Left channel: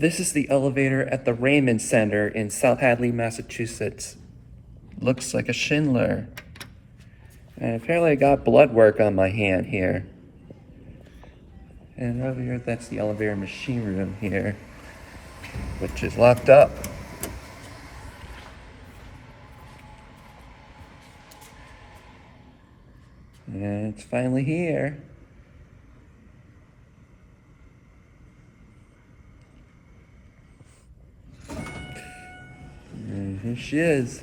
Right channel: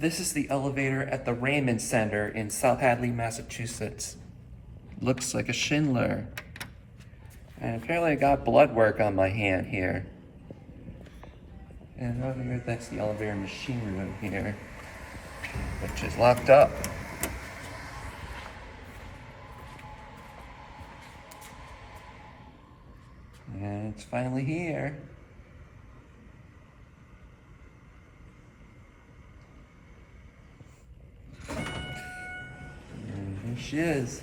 This is the elevator at the Raymond Center in South Hadley, Massachusetts. Looks like a Schindler. And apparently I got blood work on my hand here. And over here, that's the elevator machine room here, which is locked up. And it's finally here. And here she is.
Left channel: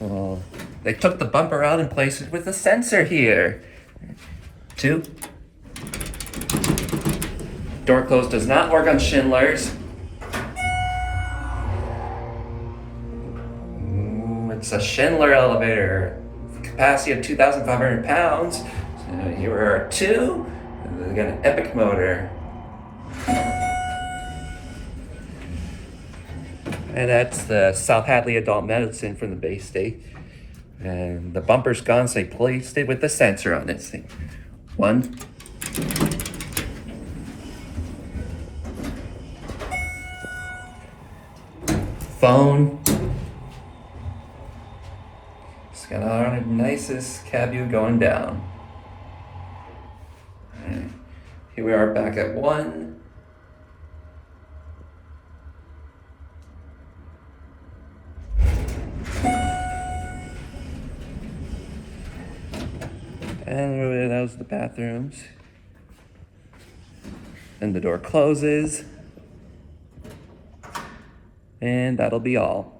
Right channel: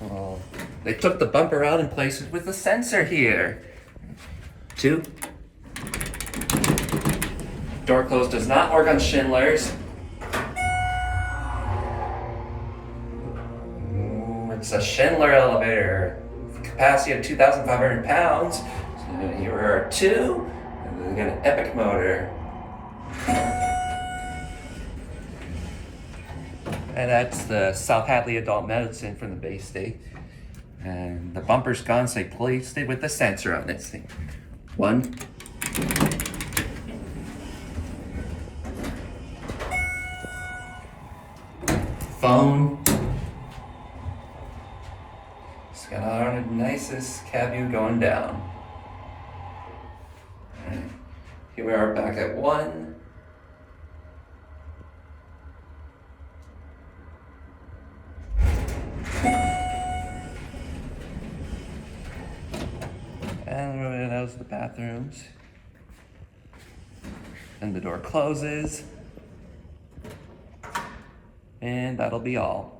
Well, they took the bumper out and placed it with a sensor here. 2. Door close does not work on Schindlers. It's a Schindler elevator. Capacity of 2,500 pounds. So here are 2. And we got an epic motor. And that's the South Hadley Adult Medicine from the Baystate. And the bumper's gone, so they placed it with the sensor on this thing. 1. Phone. It's got our nicest cab view going down. And here we are back at 1. And that was the bathrooms. And the door closes. And that'll be all.